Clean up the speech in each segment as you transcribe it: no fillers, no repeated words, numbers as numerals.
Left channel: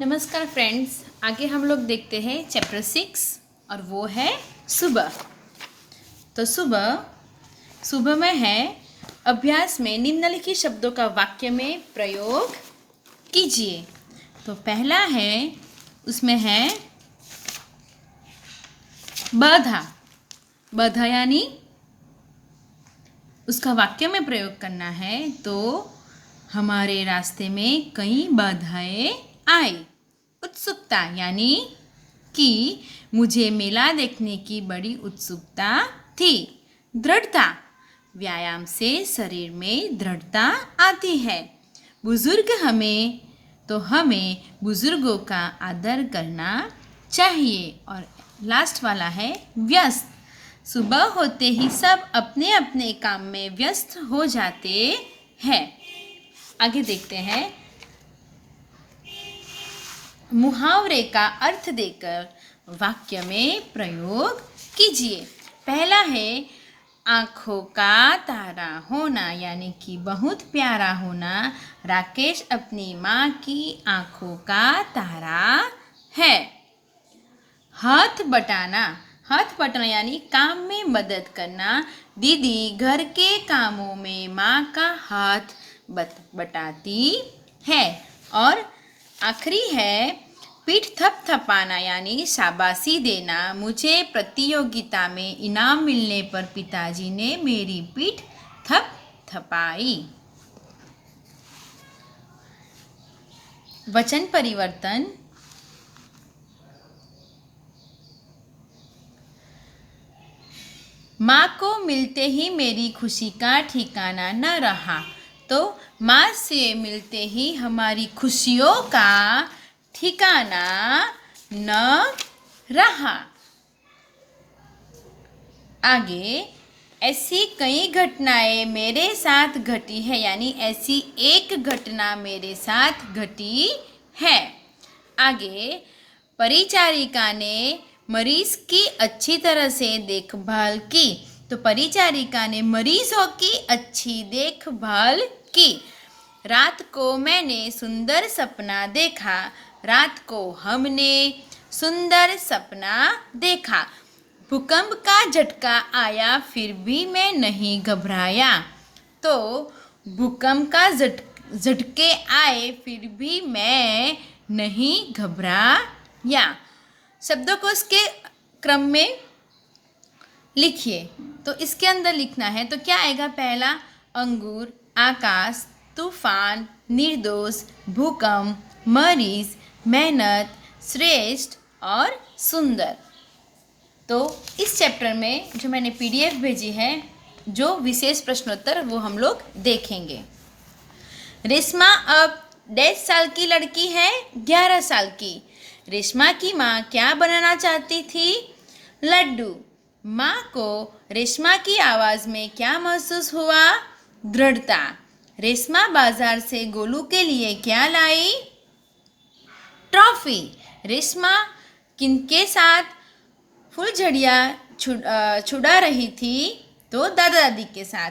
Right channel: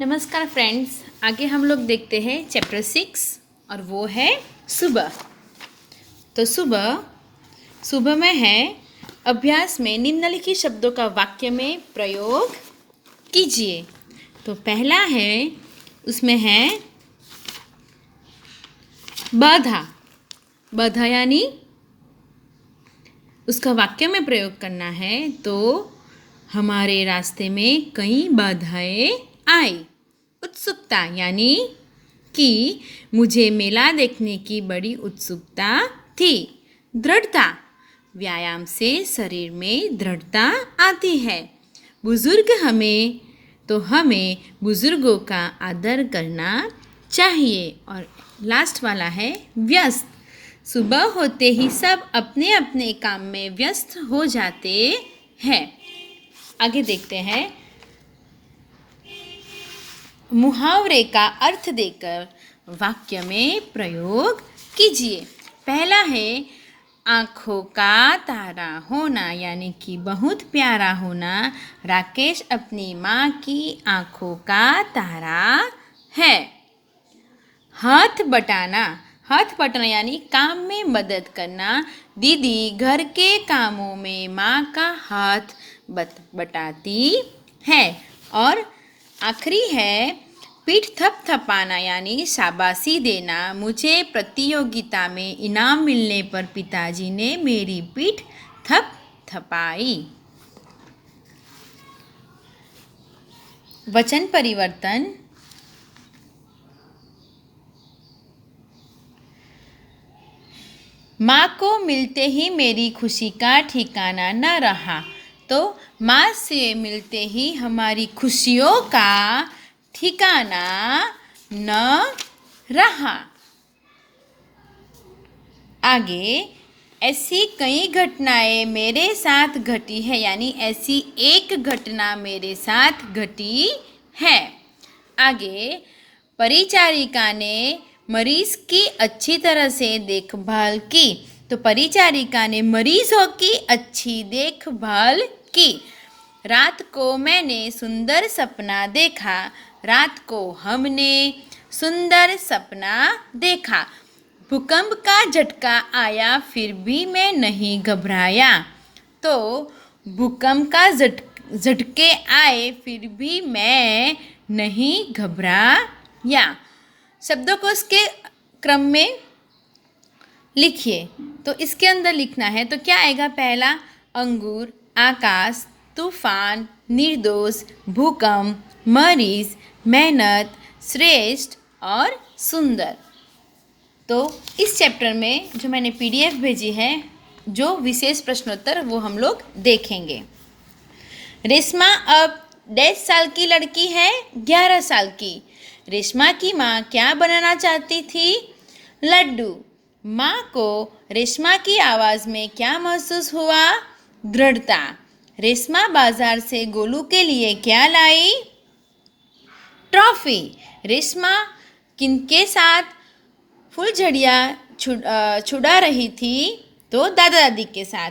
नमस्कार फ्रेंड्स, आगे हम लोग देखते हैं चैप्टर 6 और वो है सुबह। तो सुबह में है अभ्यास में निम्नलिखित शब्दों का वाक्य में प्रयोग कीजिए। तो पहला है, उसमें है बाधा यानी उसका वाक्य में प्रयोग करना है। तो हमारे रास्ते में कई बाधाएं आई। उत्सुकता यानी कि मुझे मेला देखने की बड़ी उत्सुकता थी। दृढ़ता, व्यायाम से शरीर में दृढ़ता आती है। बुजुर्ग हमें बुजुर्गों का आदर करना चाहिए। और लास्ट वाला है व्यस्त। सुबह होते ही सब अपने अपने काम में व्यस्त हो जाते हैं। आगे देखते हैं, मुहावरे का अर्थ देकर वाक्य में प्रयोग कीजिए। पहला है आँखों का तारा होना यानी कि बहुत प्यारा होना। राकेश अपनी माँ की आँखों का तारा है। हाथ बटाना यानी काम में मदद करना। दीदी घर के कामों में माँ का हाथ बटाती है। और आखिरी है पीठ थपथपाना यानी शाबाशी देना। मुझे प्रतियोगिता में इनाम मिलने पर पिताजी ने मेरी पीठ थपथपाई। वचन परिवर्तन। माँ को मिलते ही मेरी खुशी का ठिकाना न रहा। तो माँ से मिलते ही हमारी खुशियों का ठिकाना न रहा। आगे, ऐसी कई घटनाएं मेरे साथ घटी है यानी ऐसी एक घटना मेरे साथ घटी है। आगे, परिचारिका ने मरीज की अच्छी तरह से देखभाल की। तो परिचारिका ने मरीजों की अच्छी देखभाल की। रात को मैंने सुंदर सपना देखा। रात को हमने सुंदर सपना देखा। भूकंप का झटका आया फिर भी मैं नहीं घबराया। तो भूकंप का झटके आए फिर भी मैं नहीं घबराया। शब्दों को इसके क्रम में लिखिए। तो इसके अंदर लिखना है तो क्या आएगा? पहला अंगूर, आकाश, तूफान, निर्दोष, भूकंप, मरीज, मेहनत, श्रेष्ठ और सुंदर। तो इस चैप्टर में जो मैंने PDF भेजी है, जो विशेष प्रश्नोत्तर, वो हम लोग देखेंगे। रेशमा अब 10 साल की लड़की है, 11 साल की। रेशमा की माँ क्या बनाना चाहती थी? लड्डू। माँ को रेशमा की आवाज़ में क्या महसूस हुआ? दृढ़ता। रेशमा बाजार से गोलू के लिए क्या लाई? ट्रॉफी। रेशमा किनके साथ फुलझड़ियाँ छुड़ा रही थी? तो दादा दादी के साथ।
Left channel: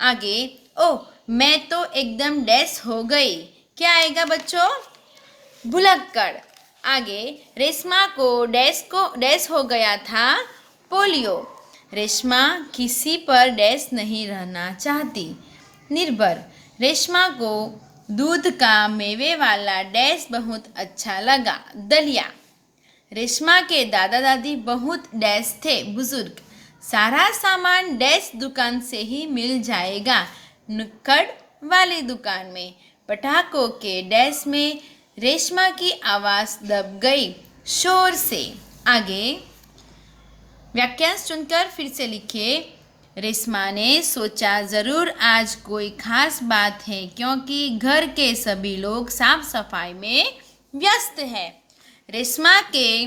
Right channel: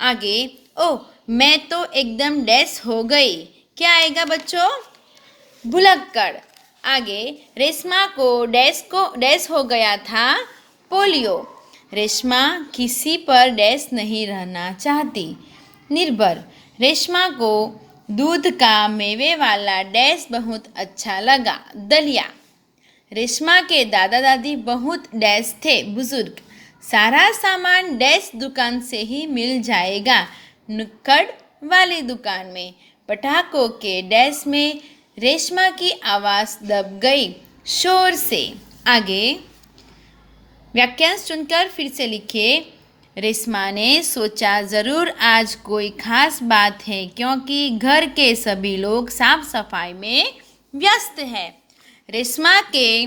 आगे, ओह मैं तो एकदम डैश हो गई। क्या आएगा बच्चों? भुलक्कड़। आगे, रेशमा को डैश हो गया था? पोलियो। रेशमा किसी पर डैश नहीं रहना चाहती। निर्भर। रेशमा को दूध का मेवे वाला डैश बहुत अच्छा लगा। दलिया। रेशमा के दादा दादी बहुत डैश थे, बुजुर्ग। सारा सामान डैश दुकान से ही मिल जाएगा। नुक्कड़ वाली दुकान में। पटाखों के डैश में रेशमा की आवाज़ दब गई शोर से। आगे, वाक्यांश चुनकर फिर से लिखिए। रेशमा ने सोचा ज़रूर आज कोई खास बात है क्योंकि घर के सभी लोग साफ सफाई में व्यस्त हैं। रेशमा के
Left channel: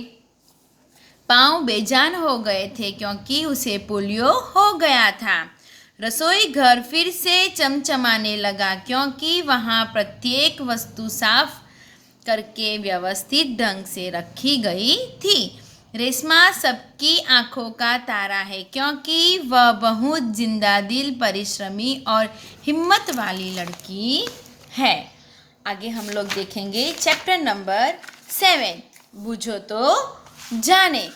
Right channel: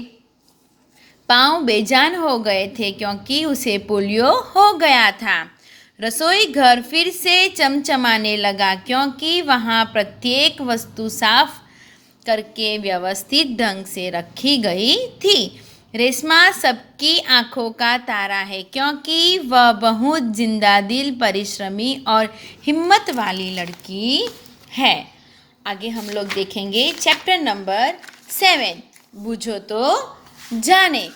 पाँव बेजान हो गए थे क्योंकि उसे पोलियो हो गया था। रसोई घर फिर से चमचमाने लगा क्योंकि वहाँ प्रत्येक वस्तु साफ करके व्यवस्थित ढंग से रखी गई थी। रेशमा सबकी आँखों का तारा है क्योंकि वह बहुत जिंदा दिल, परिश्रमी और हिम्मत वाली लड़की है। आगे हम लोग देखेंगे चैप्टर नंबर 7, बूझो तो जाने।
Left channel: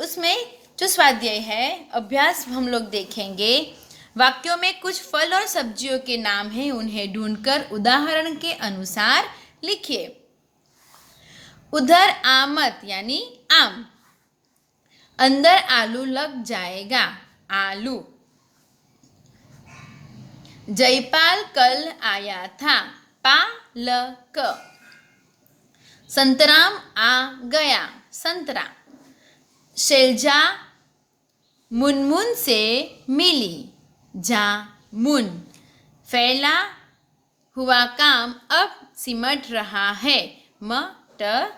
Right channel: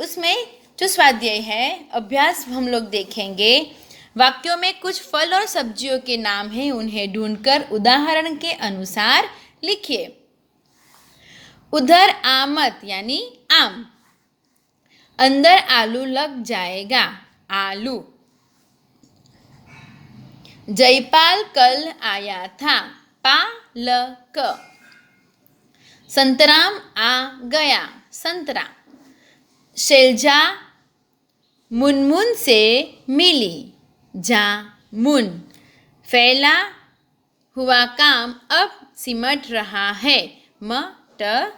उसमें जो स्वाध्याय है, अभ्यास हम लोग देखेंगे। वाक्यों में कुछ फल और सब्जियों के नाम हैं, उन्हें ढूंढकर उदाहरण के अनुसार लिखिए। उधर आमद यानी आम, अंदर आलू लग जाएगा, आलू। जयपाल कल आया था, पालक। संतराम आ गया, संतरा। शैलजा मुनमुन से मिली, जामुन। फैला हुआ काम अब सिमट रहा है, मटर।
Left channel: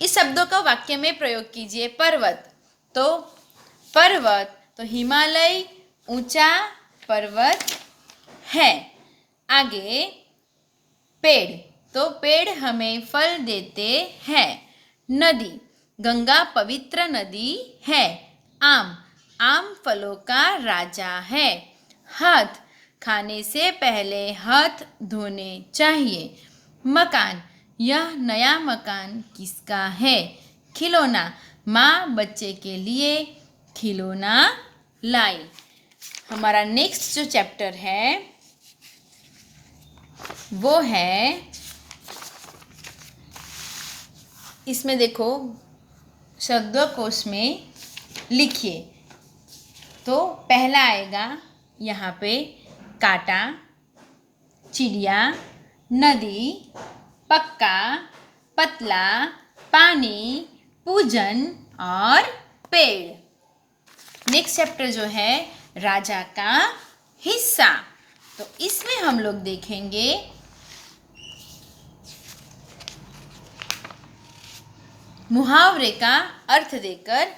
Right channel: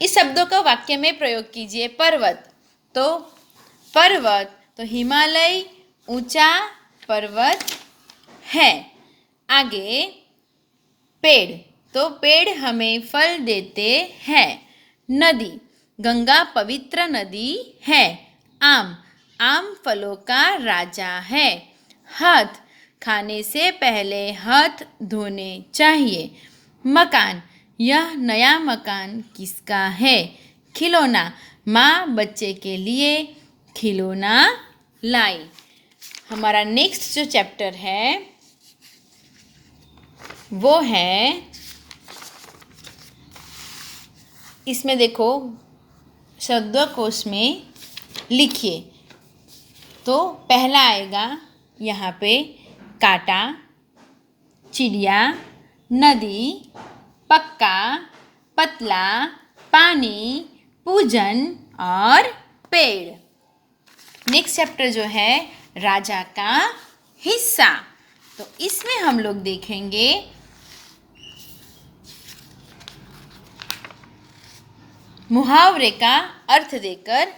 इस शब्दों का वाक्य में प्रयोग कीजिए। पर्वत तो हिमालय ऊंचा पर्वत है। आगे पेड़ तो पेड़ हमें फल देते हैं। नदी, गंगा पवित्र नदी है। आम फलों का राजा है। हाथ, खाने से पहले हाथ धोने चाहिए। मकान, यह नया मकान किसका है। खिलौना, माँ बच्चे के लिए खिलौना लाई। हमारा नेक्स्ट जो चैप्टर है वो है, इसमें देखो शब्दकोश में लिखिए। तो पहला आएगा यहाँ पे कांटा, चिड़िया, नदी, पक्का, पतला, पानी, पूजन और पेड़। नेक्स्ट चैप्टर जो है राजा का हिस्सा, तो इसमें हम लोग देखेंगे मुहावरे का अर्थ देकर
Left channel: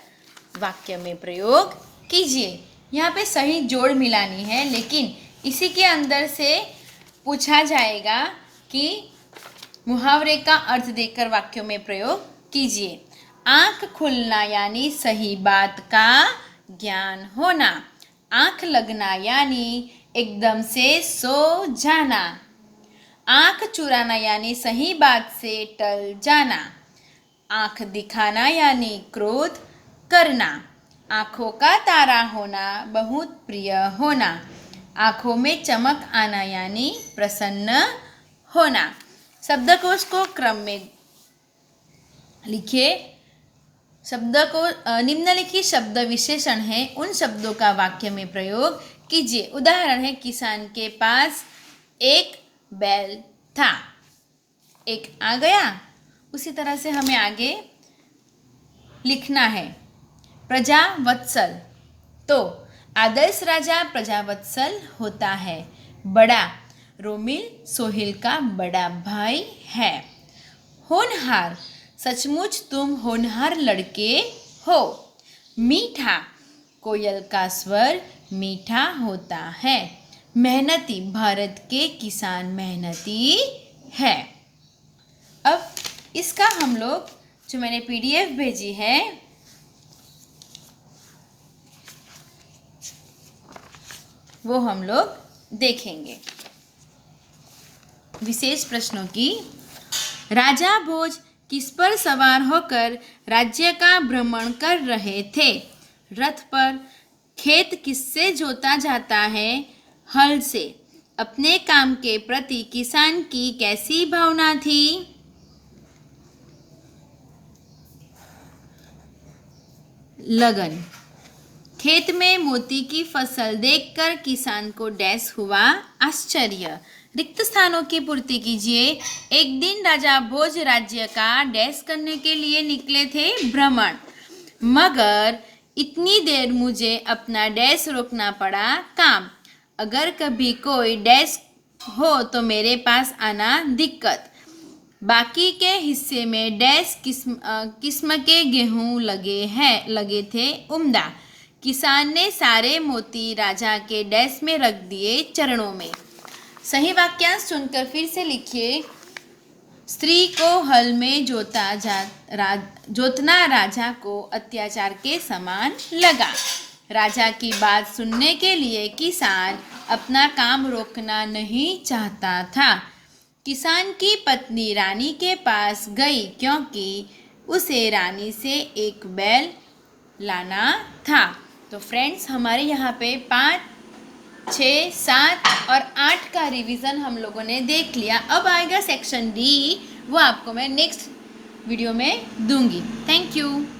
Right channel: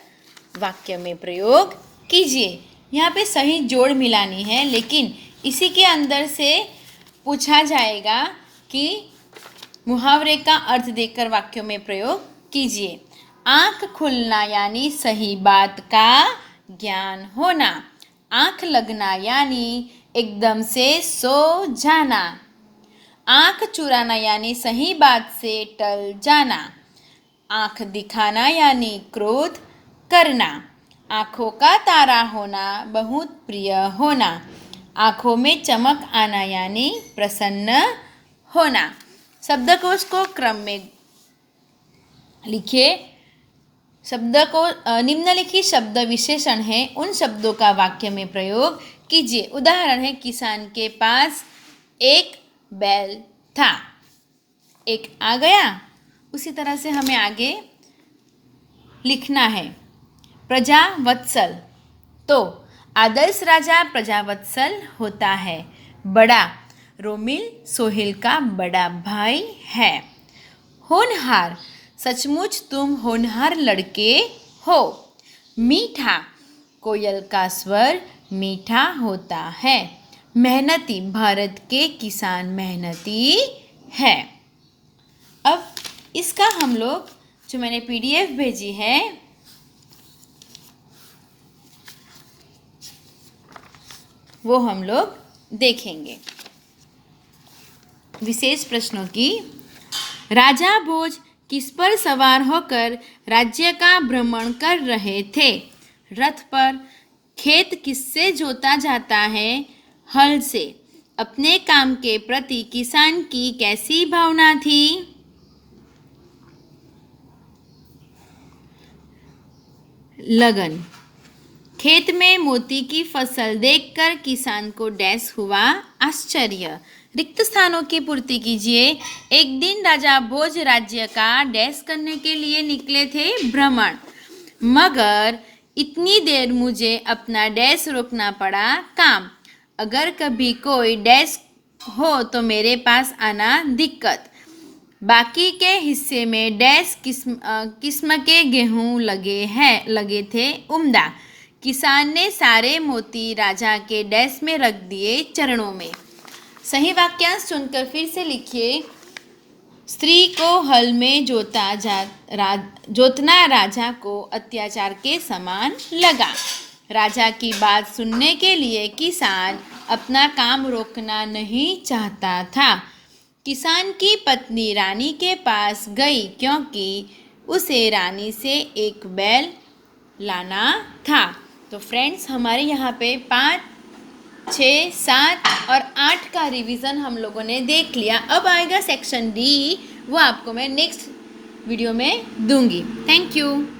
वाक्य में प्रयोग कीजिए। यहाँ पे सही जोड़ मिलानी है, लेकिन इसी के अंदर से पूछा जाएगा कि मुहावरे का अर्थ देकर वाक्यों में प्रयोग कीजिए। आँख खुलना यानी सही बात का ज्ञान होना। आँख लगना यानी एकदम से सो जाना। आँख चुराना यानी सही बात से टल जाना। आँख दिखाना यानी क्रोध करना। आँखों का तारा होना, बहुत प्रिय होना। आँखों में चमक आना यानी प्रसन्न होना। शब्दकोश को क्रम में लिखिए। निम्नलिखित शब्द विशेषण हैं, उन शब्दों का वाक्य में प्रयोग कीजिए। उदाहरण है, किसान के पास एक बैल था, एक आ गया। उसी तरह से हमें आगे लिखना है। प्रजावत्सल, तो आदर्श राजा प्रजावत्सल होता है। बड़ा, रोमिल सोहेल का बड़ा भाई है। होनहार, सचमुच तुम होनहार लड़के हो। मीठा, कोयल का स्वर मीठा होता है। मेहनती, भारत के किसान मेहनती है। अब इसका हम लोग, जो मैंने PDF भेजी है, वो हम लोग देखेंगे। विशेष प्रश्नों की। राजा भोज किस पर सवार होकर राज्य का भ्रमण कर रहे थे। रथ पर। खेत किससे जोता जाता है, हल से। अपने काम के प्रति किसान की कैसी भावना थी। लगन। खेत में मोती की फसल देखकर किसान को डैश हुआ आश्चर्य। रिक्त स्थानों की पूर्ति कीजिए। एक दिन राजा भोज राज्य का डैश करने के लिए निकले थे भ्रमण, मगर इतनी देर मुझे अपना डैश रोकना पड़ा काम। अगर कभी कोई डैश हो तो मेरे पास आना दिक्कत। बाकी के हिस्से में डैश किस्म के गेहूं लगे थे उम्दा। किसान ने सारे मोती राजा के डैश में रख दिए चरणों में। सही वाक्यांश चुनकर फिर से लिखिए। स्त्री को हल में जोतना राजा को अत्याचार के समान लगा। राजा की बात सुनने के लिए किसान अपना काम रोकना नहीं चाहता था। किसान की पत्नी रानी के पास गई क्योंकि उसे रानी से एक बैल लाना था। तो फ्रेंड्स, हमारे यहाँ पे 5, 6, 7 और 8 का रिवीजन हम लोगों ने देख लिया। अब आएगा सेक्शन डी, वो आपको मैं नेक्स्ट वीडियो में दूंगी। Thank you.